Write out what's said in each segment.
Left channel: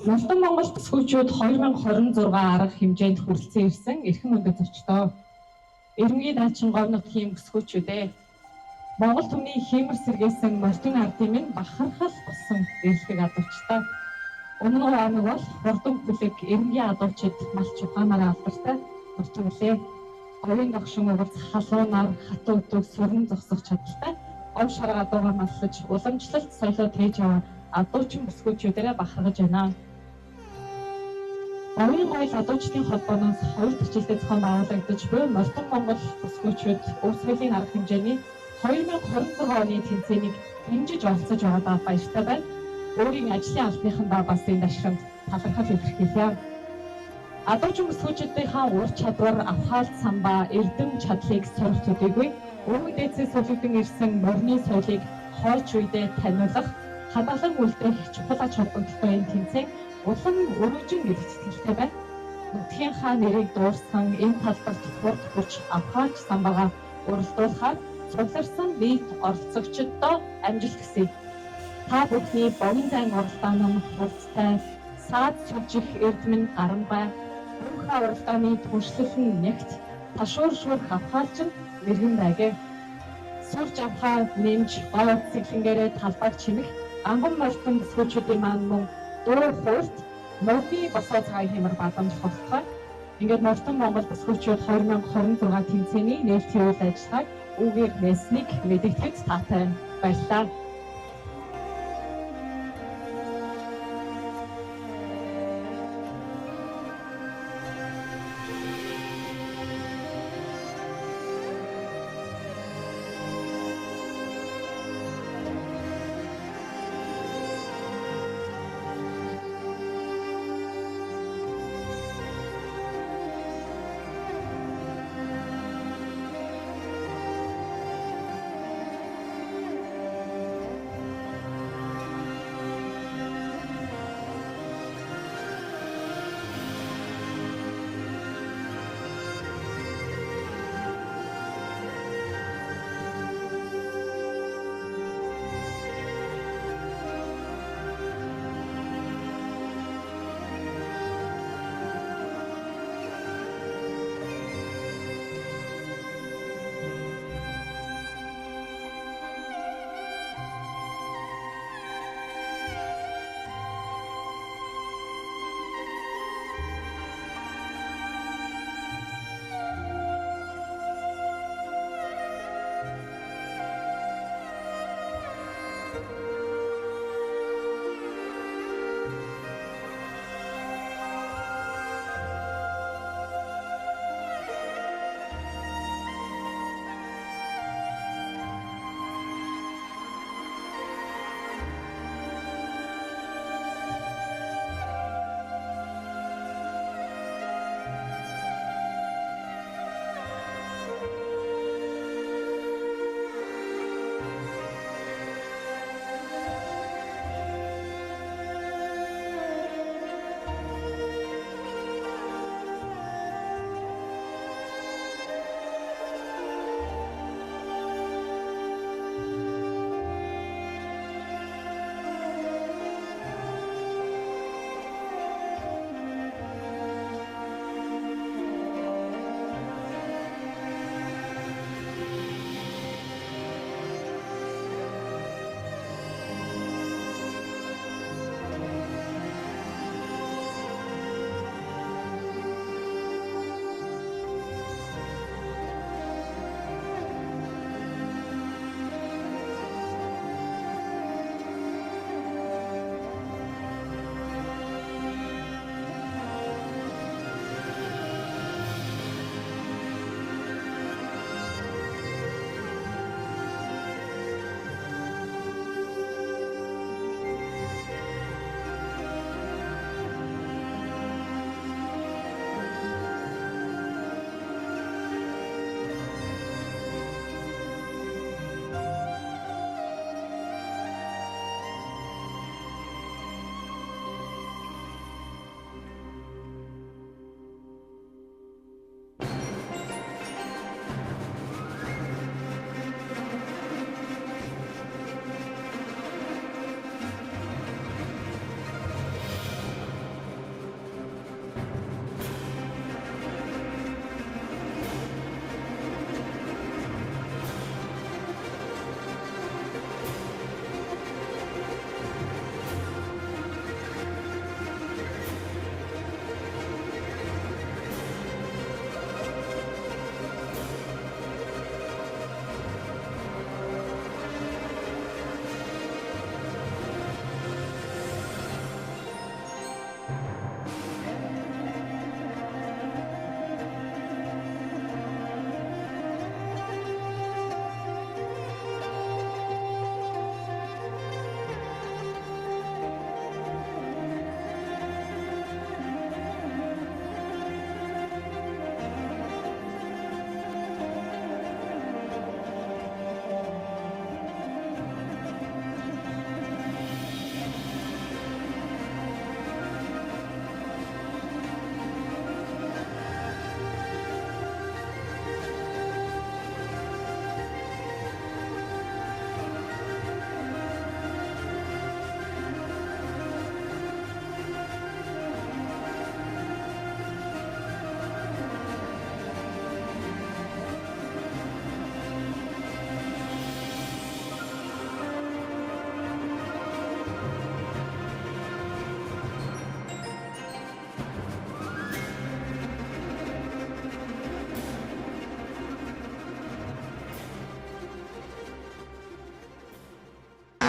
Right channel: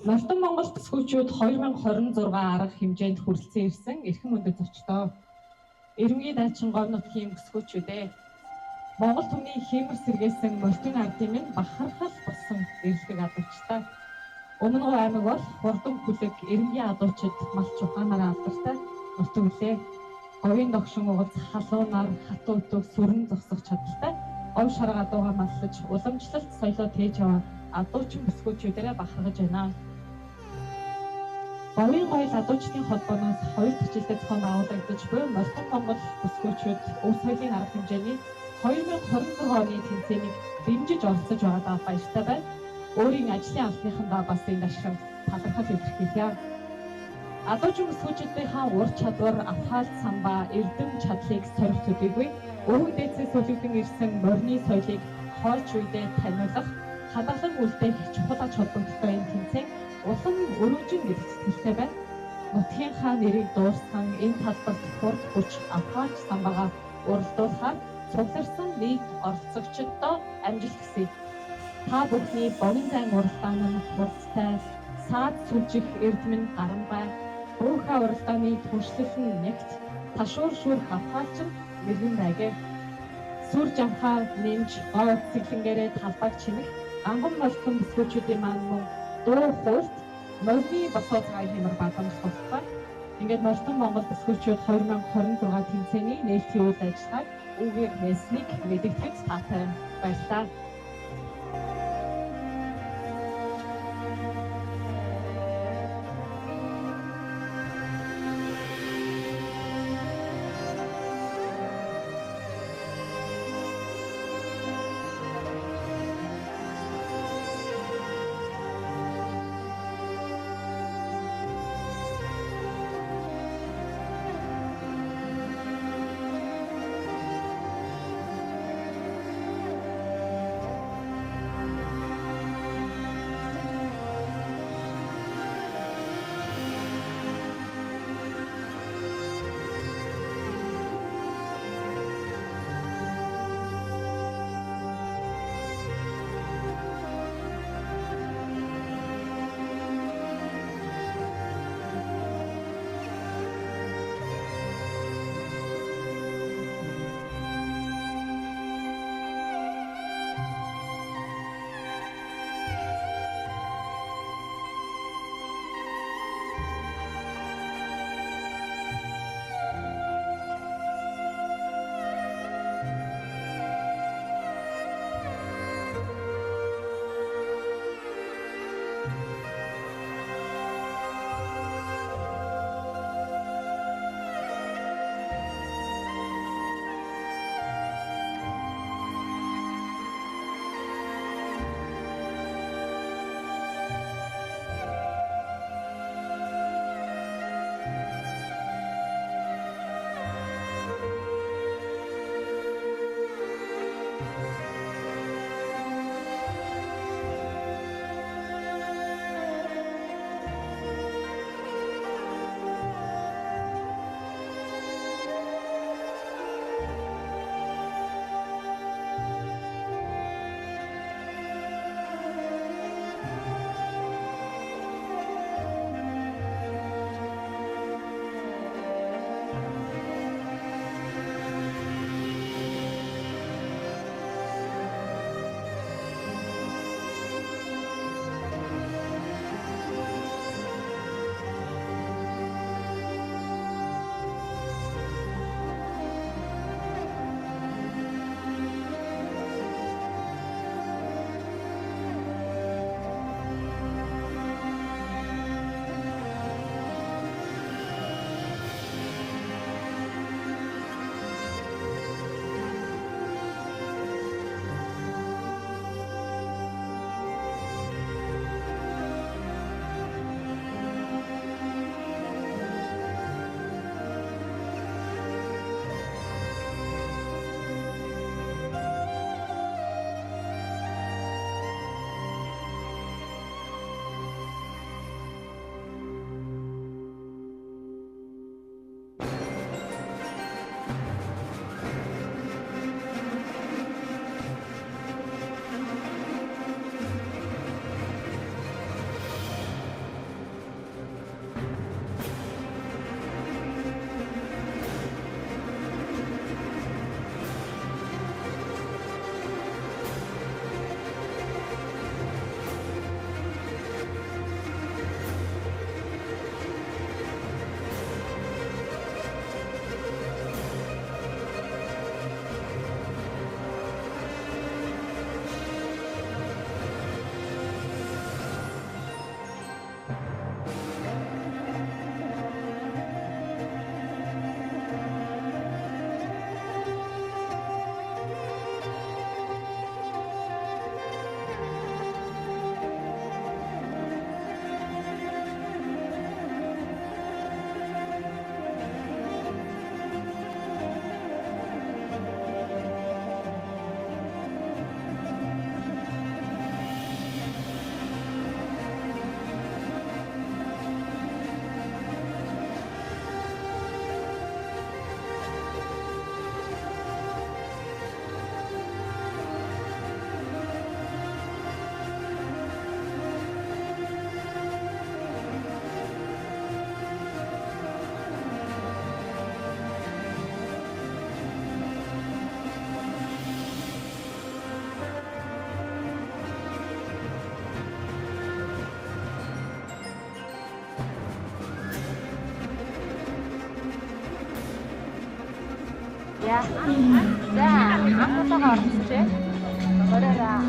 Нолтон Монгол төсвүүчүүд 2026 арга хэмжээнд хүрэлцэн ирсэн эрхэм үндэт зочдоо. Ирмгийн даачин говь нутгийн төсвүүчүүдээ. Монгол түмний хиймэр сэргээсэн морьтын ардын минь бахархал болсон эрлэг адуучтай. Өмнө аймаг бол хурдан бүлэг ирмгийн адуучид малч ухаанаараа алдартай нутглээ. Говийн догшин угалц халуунаар хатуу өтөг сүрэн зогсох чадaltaй ов шарга адуугаар маллаж уламжлалт соёлоо тээж яваа адуучин бүсгүүчүүдээрээ бахархаж байна. Говийн гоёл адуучдын холбооноос хоёр төчлөлтэй зохион байгуулагдаж буй Нолтон Монгол бүсгүүчүүд өв соёлын арга хэмжээний 2026 оны тэмцээнийг дэмжиж оролцож байгаадаа баяртай байна. Өөрийн ажлын албаныхандаа бас энэ ашигт талархал илэрхийлье. Адуучин бүсгүүчдийнхаа ур чадвар, авхаалт самбаа, эрдэм чадлыг сорих төдийгүй өвгөн дээдсээс солигдсон ирсэн морины соёлыг хойч үедээ таниулах, хадгалан үлдээх чухал ач холбогдолтой энэ тэмцээн улам өргөжин гэдэгт итгэлтэй байна. Нутгийнхаа нэрийг дуурсан энэ талбарт хурд хүч авхаач самбаагаа уралдуулахаар цугларсан нийт оролцогчдод амжилт хүсье. Та бүхний богино зайн уралдаан нь хурцтай, саад сүлжих эрдэмэн гарамгай, буухаа уралдааны түншлэл нь нягт, ташуур шүүрх авхаалч нь мэргэн байгээ. Сүр жавхаа нэмж гоо цэглэнгээрээ талбайг чимэх анган морьтон бүсгүүчүүдийн маань мөн дуу хуульт модны босоо цагаан хэмэр бадамжлах болтугай. Ингээд Нолтон Монгол бүсгүүчүүд 2026 тэмцээний нээлтийн үйл ажиллагааг үгээр нээснийг мэдэгдэхэд таатай баярлалаа.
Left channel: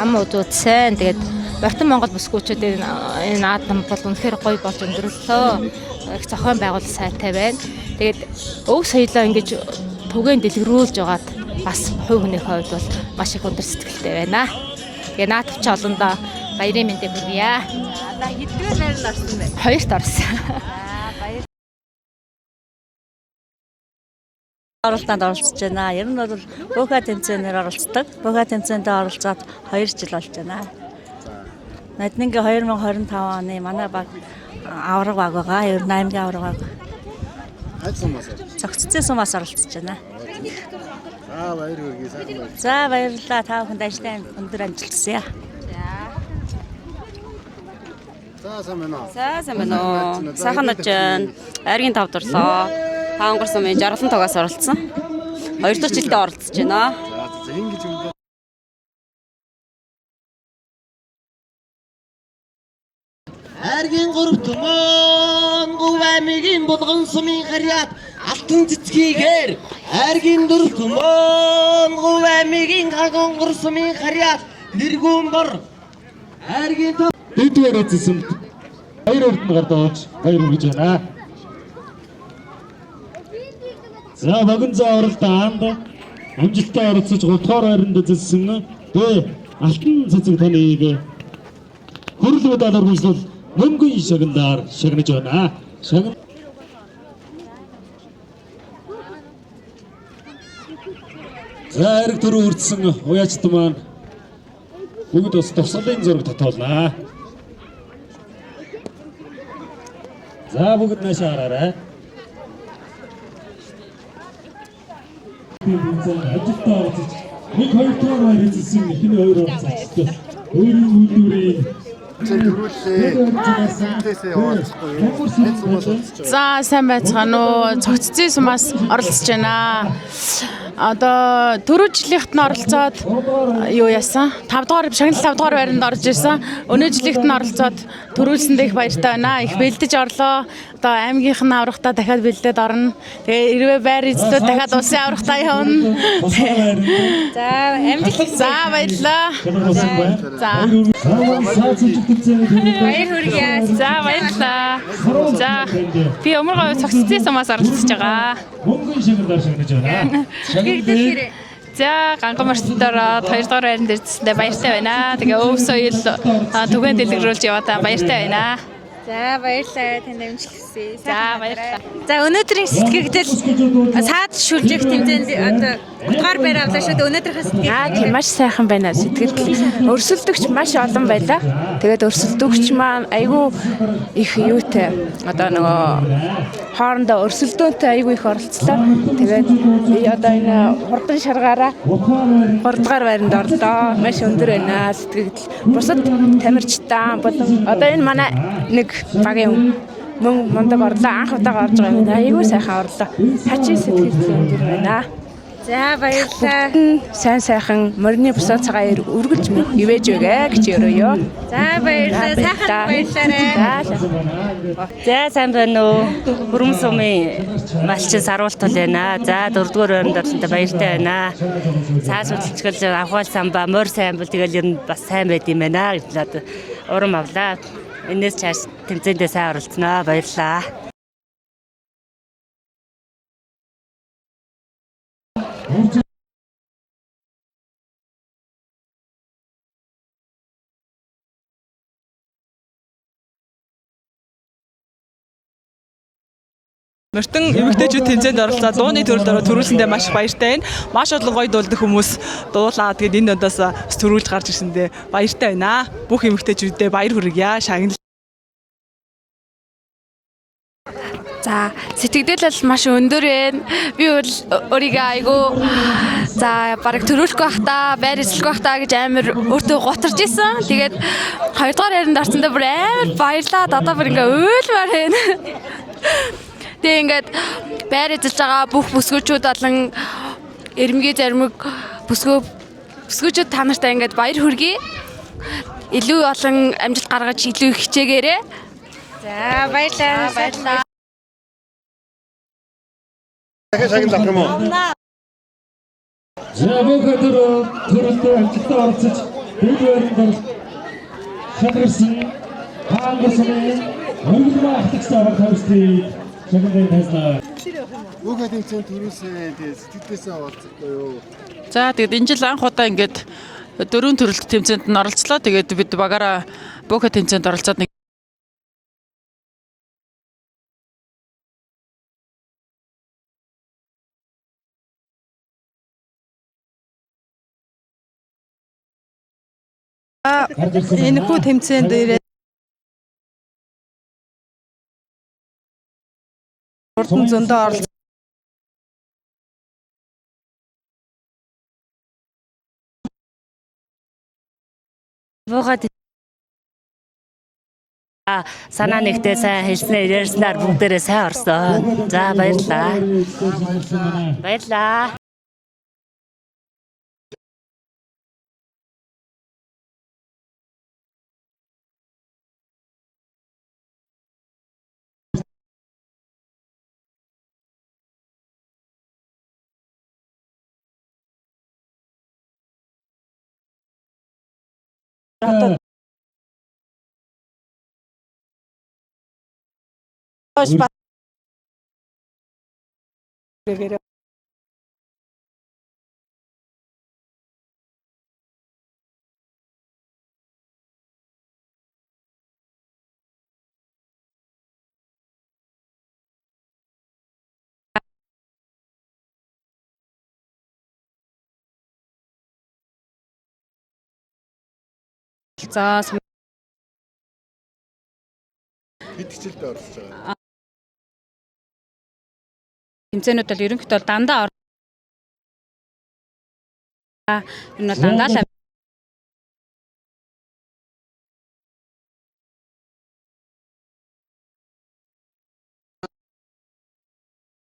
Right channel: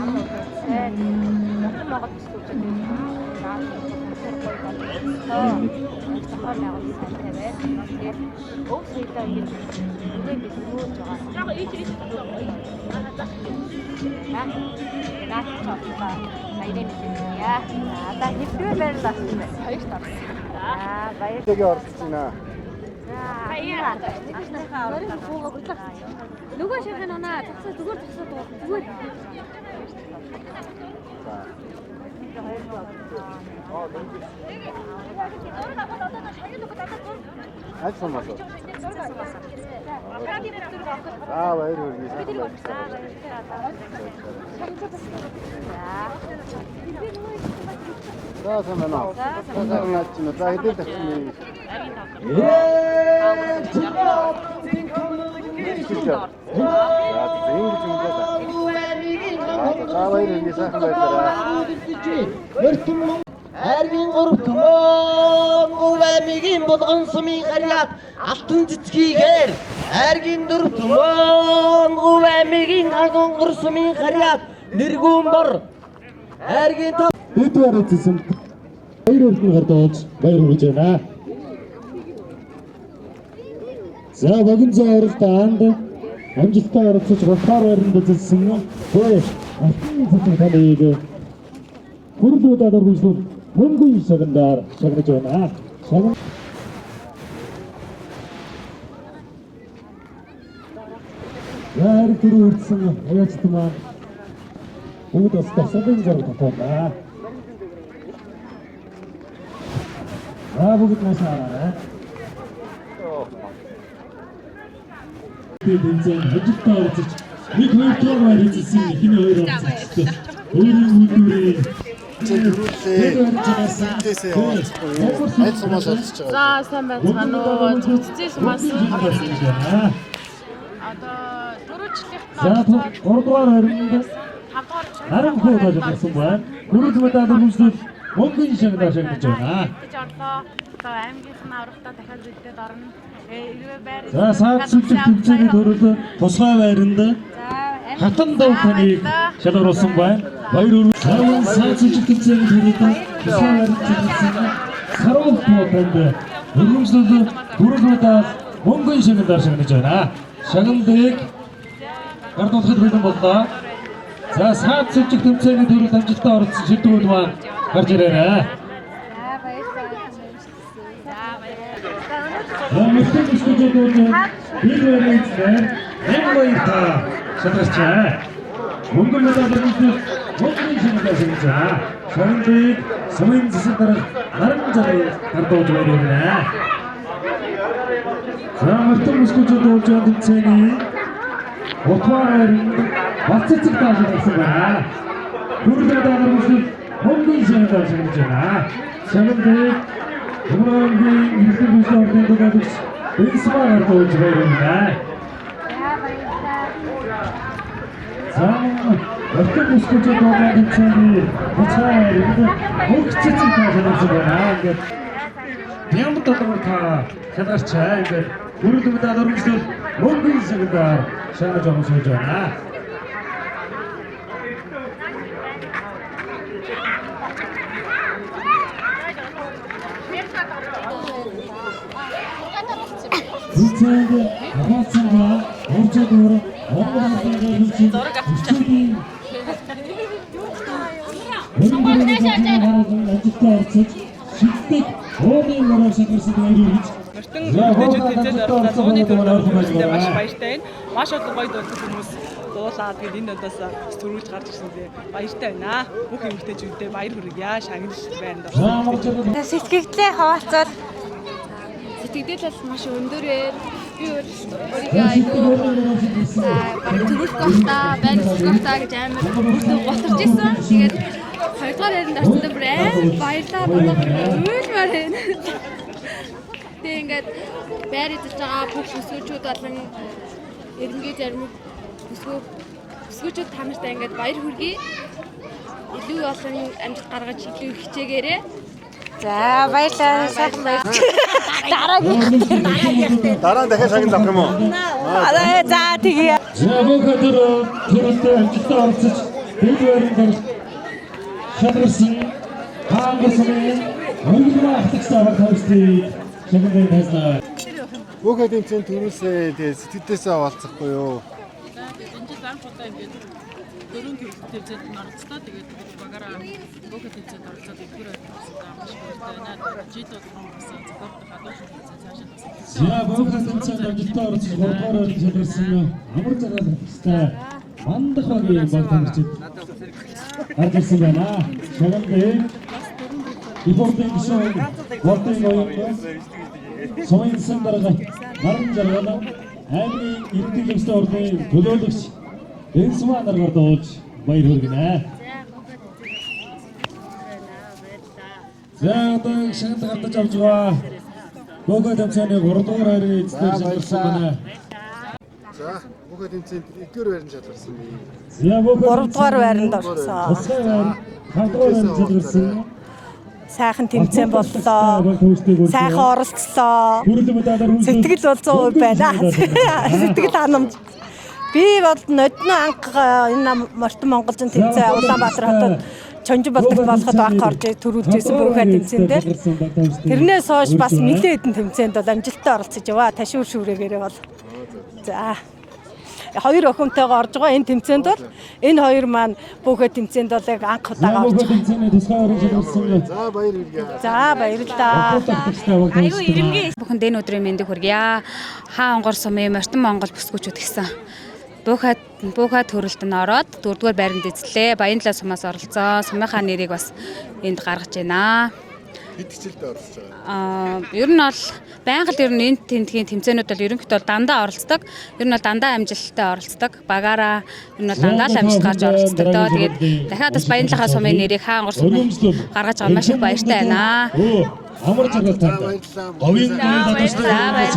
Ам удуудсан. Тэгээд Мортон Монгол бүсгүүчүүд энэ наадам бол үнэхээр гоё болж өндөрлөө. Их зохион байгуулалт сайтай байна. Тэгээд өв соёлоо ингэж түгээн дэлгэрүүлж байгаад бас хувь хүний хувьд бол маш их өндөр сэтгэлтэй байна. Тэгээд наадамч олондоо баярын мэндийг хүргье. За одоо хэдгээр байранд орсон бэ? 2-т орсон. За баяр. Оролцоонд оролцож байна. Ер нь бол бөөхэ тэмцээнээр оролцдог. Бөөхэ тэмцээнд оролцоод 2 жил болж байна. Наднингийн 2025 оны манай баг авраг баг байгаа. Ер нь аймгийн авраг баг. Аль сумаас? Цогццын сумаас оролцож байна. За баяр хүргэе сайхан байна. За баярлалаа. Та бүхэнд ажлаа өндөр амжилт хүсье. За сайн байна уу? За сайн байна уу. Сайхан нож айргийн 5 дурлоо. Хаангурсан мэн жаргалан тогоос оролцсон. 2 дахь жилдээ оролцож байна. За ингэж өнгөө. За баяр хүргэе сайхан байлаа. Айргийн 3 төмөн говамигийн булган сумын харьяат алтан цэцгийгээр айргийн 4 төмөн говамигийн агонгор сумын харьяат нэргүүмбор айргийн Эдгээр эзэсэнд баяр өрдөн гардаж баяр хүргэж байна. За богино заавралдаанд амжилттай оролцож готхоор хайранд эзэссэн алтан цэцэг таныг хөрөл удаалаар хүслэл мөнгөн шагналаар шагнаж байна. Шагна За хэрэг төрөө үрдсэн уяачд маань бүгд бас тосолын зураг татуулаа. За бүгд нааш хараарай. Ажилтаа оролцож нэг 2 дугаар баяр эзэлсэн эхний 2 оролцогчтой өөрийн үйлдвэрийн За сайн байцгаана уу. Цогццын сумаас оролцож байна. Одоо түрүү жилийнхэд нь оролцоод юу яасан? 5 дугаар шагнал 5 дугаар байранд орж ирсэн. Өнөө жилийнхэд нь оролцоод төрүүлсэндээ их баяртай байна. Их бэлдэж орлоо. Одоо аймгийнх нь аврагтаа дахиад бэлдээд орно. Тэгээ хэрвээ байр эзлээд дахиад улсын аврагтаа явна. Тусгай байранд За амжилт. За баярлалаа. шалгаруулсан байна. За Сайн сүлжигтэлцээ баяр хүргэе. За баярлалаа. За би өмөргөө цогццын сумаас оролцож байгаа. мөнгөн шагналаар шагнаж байна. Шагнал дээр За ганган марцтаараа 2 дугаар байранд ирсэндээ баяртай байна. Тэгээ өв соёл түгээн дэлгэрүүлж яваа баяртай байна. За баярлалаа. Танд амжилт хүсье. За баярлалаа. За өнөөдрийн сэтгэгдэл саад шүлжих тэмцээнд одоо гар барь авлаа шүү дээ. Өнөөдрийнхөө сэтгэгдэл Маш сайхан байна. Сэтгэл өрсөлдөгч маш олон байлаа. Тэгээд өрсөлдөгч маань айгүй их юутай одоо нөгөө хоорондоо өрсөлдөөнтэй айгүй их оролцлоо. Тэгээд одоо энэ хурдан шаргаараа 3 дугаар байранд орлоо. Маш өндөр байна сэтгэгдэл. Бусад тамирчтай одоо энэ манай нэг багийн мөн мундаг орлоо. Анх удаа гарч байгаа. Айгүй сайхан орлоо. Хачи сэтгэгдэл. За баярлалаа. Сайн сайхан морины бусаа цагаан өргөж ивэж өгөө гэж өрөөё. За баярлалаа. Сайхан баярлалаа. За сайн байна уу? Бүрэн сумын малчин саруултал байна. За 4 дугаар байранд оролцоод баяртай байна. Цааш үлчгэл авхал самба мөр сайн бол тэгэл ер нь бас сайн байд юм байна гэж одоо урам авлаа. Энээс цааш тэмцээндээ сайн оролцсноо баярлалаа. Зүцэнд хавцгаа оржигоор зураг авчихсан. Мөртөн эмэгтэйчүүд тэмцээнд оролцоод дууны төрөлөөр төрүүлсэндээ маш баяртай байна. Маш олон гоё дуулдаг хүмүүс дуулаа. Тэгээд энэ удаас төрүүлж гарч ирсэндээ баяртай байна. Бүх эмэгтэйчүүдэд баяр хүргье. Шагнал байна. Сэтгэгдлээ хаваалцаад За сэтгэгдэл бол маш өндөр байна. Би бол өөрийгөө айгүй за бараг төрүүлэх байхдаа, байр эзлэх байхдаа гэж амар өөртөө гутарж исэн. Тэгээд 2 дугаар байранд орсондоо бүр амар баярлаад одоо бүр ингээ уйлмаар байна. Тэгээд ингээд байр эзэлж байгаа бүх бүсгүүчүүд болон эрмгийн зармиг бүсгүүчүүд та нартай ингээд баяр хүргэе. Илүү олон амжилт гаргаж илүү их хичээгээрэй. за баярлалаа. Сайхан баярлалаа. Дараа нь дахиад шагнал авах юм уу? За тэгээ. Бүгд төрөлтэй амжилттай оролцож бид өөрөөр шалгарсан хаангасан өнгөлмө ахлагч авах тавьстыг шагналын таслаа. Бүгд тэмцээнд төрүүлсээ сэтгэлдээсээ олцохгүй юу? За тэгээд энэ жил анх удаа ингээд 4 төрөлт тэмцээнд нь оролцлоо. Тэгээд бид багаараа бүхэн тэмцээнд оролцоод нэг За бүгд тэмцээнд амжилттай оролцож 3-р байранд шалгарсан амар жаргалтай мандах багийн баг тамирчид. Энэ бүх тэмцээнд ирээд Ибордын гишүүн Болдын ноён хурдан зөндөө оролцсон. Наран жаргал аймгийн иргэдийн төслийн ордын төлөөлөгч Энсма наргаар дууж баяр хүргэнэ. Буугаад санаа нэгтээ сайн хэлснээр ярьснаар бүгдээрээ сайн орсон. За баярлалаа. Баярлалаа. За бүгд тэмцээнд 1-р байранд шалгарсан. 3-р байранд орсон. 5-р байранд шалгарсан. Сайхан тэмцээн боллоо. Сайхан оролцлоо. Сэтгэл бол 100% байна. Сэтгэл ханамж. Би бол нодны анх энэ Мартин Монголын тэмцээн Улаанбаатар хотод Чонжин болдогт болоход анх орж төрүүлжсэн бүхэн тэмцээндээ. Тэрнээс хойш бас нэлээд хэдэн тэмцээнд бол амжилттай оролцож яваа. Ташуур шүүрэгээрээ бол. За. Хоёр охинтойгоо орж байгаа энэ тэмцээнд бол энэ хоёр маань бүхэн тэмцээнд бол яг анх удаага орж байгаа. За баяр хүргэе. За баярлалаа. Аюу ирэмгээ бүхэнд энэ өдрийн мэндийг хүргье. Хаа онгор сумын Мартин Монгол бүсгүүчүүд гэсэн. Буухай төрөлтөнд ороод 4-р байранд эзлээ. Баянлаа сумаас оролцсон. Сумынхаа нэрийг бас энд гаргаж байна. Хэд хичээлдээ оролцож байгаа? Ер нь бол байнга л ер нь энэ тэмцээний тэмцээнүүд бол ерөнхийдөө дандаа оролцдог. Ер нь бол дандаа амжилттай оролцдог. Багаараа ер нь бол дандаа л амжилт гарч оролцдог доо. Тэгээд дахиад бас Баянлахаа сумын нэрийг хаа онгор сумын гаргаж байгаа маш их баяртай байна. Амар жаргалтай. Говийн баярлалаа.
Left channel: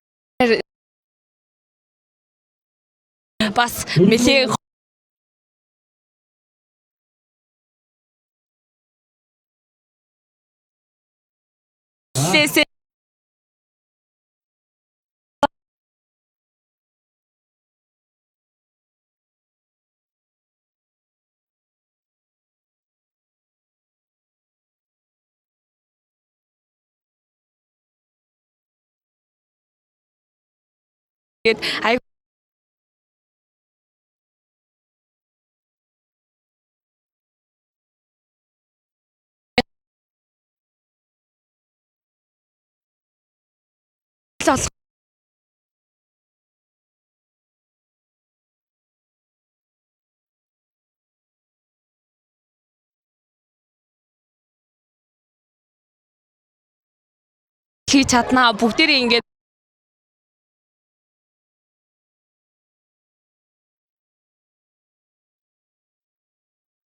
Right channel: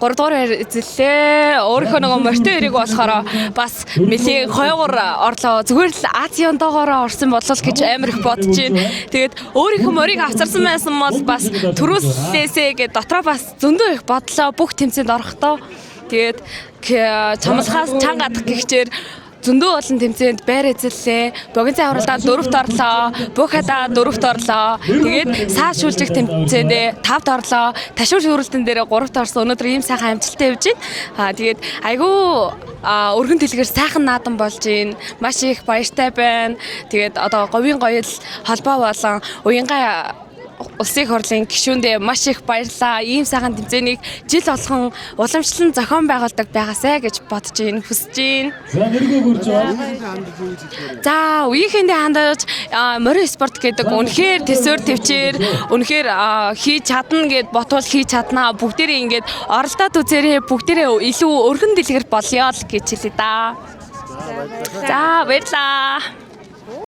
3-р байр эзэллээ. Өөрийнхөө нөгөө морьтой эрийг болохоор бас нэлээд хойгоор орлоо. Зүгээр л Азиандогоор орсон болол гэж амар их бодож байна. Тэгээд өөрийнхөө морийг авцарсан байсан бол бас төрүүлсээсээ гэж дотроо бас зөндөө их бодлоо бүх тэмцээнд орохдоо. Тэгээд чамлахаас чанга гадах гихчээр зөндөө олон тэмцээнд байр эзэллээ. Богино авралдаа 4-т орлоо. Буухадаа 4-т орлоо. Тэгээд саас шүүлжих тэмцээндээ 5-т орлоо. Ташуур шүүрэлтэн дээр 3-т орсон. Өнөөдөр ийм сайхан амжилттай явж байна. Тэгээд айгүй өргөн дэлгэр сайхан наадам болж байна. Маш их баяртай байна. Тэгээд одоо говийн гоёл холбоо болон уянгаа улсын их хурлын гишүүндээ маш их баярлалаа. Ийм сайхан тэмцээнийг жил болгон уламжлан зохион байгуулдаг байгаасай гэж бодож байна, хүсэж байна. За нэргөө гүрж байна. За үеийнхэндээ хандаж морио спорт гэдэг үнэхээр төсөөр төвчээр үнэхээр хийж чадна гэд ботвол хийж чаднаа. Бүгдээрээ ингээд оролдоод үзээрэй. Бүгдээрээ илүү өргөн дэлгэр болёо л гэж хэлээ да. За баярлалаа.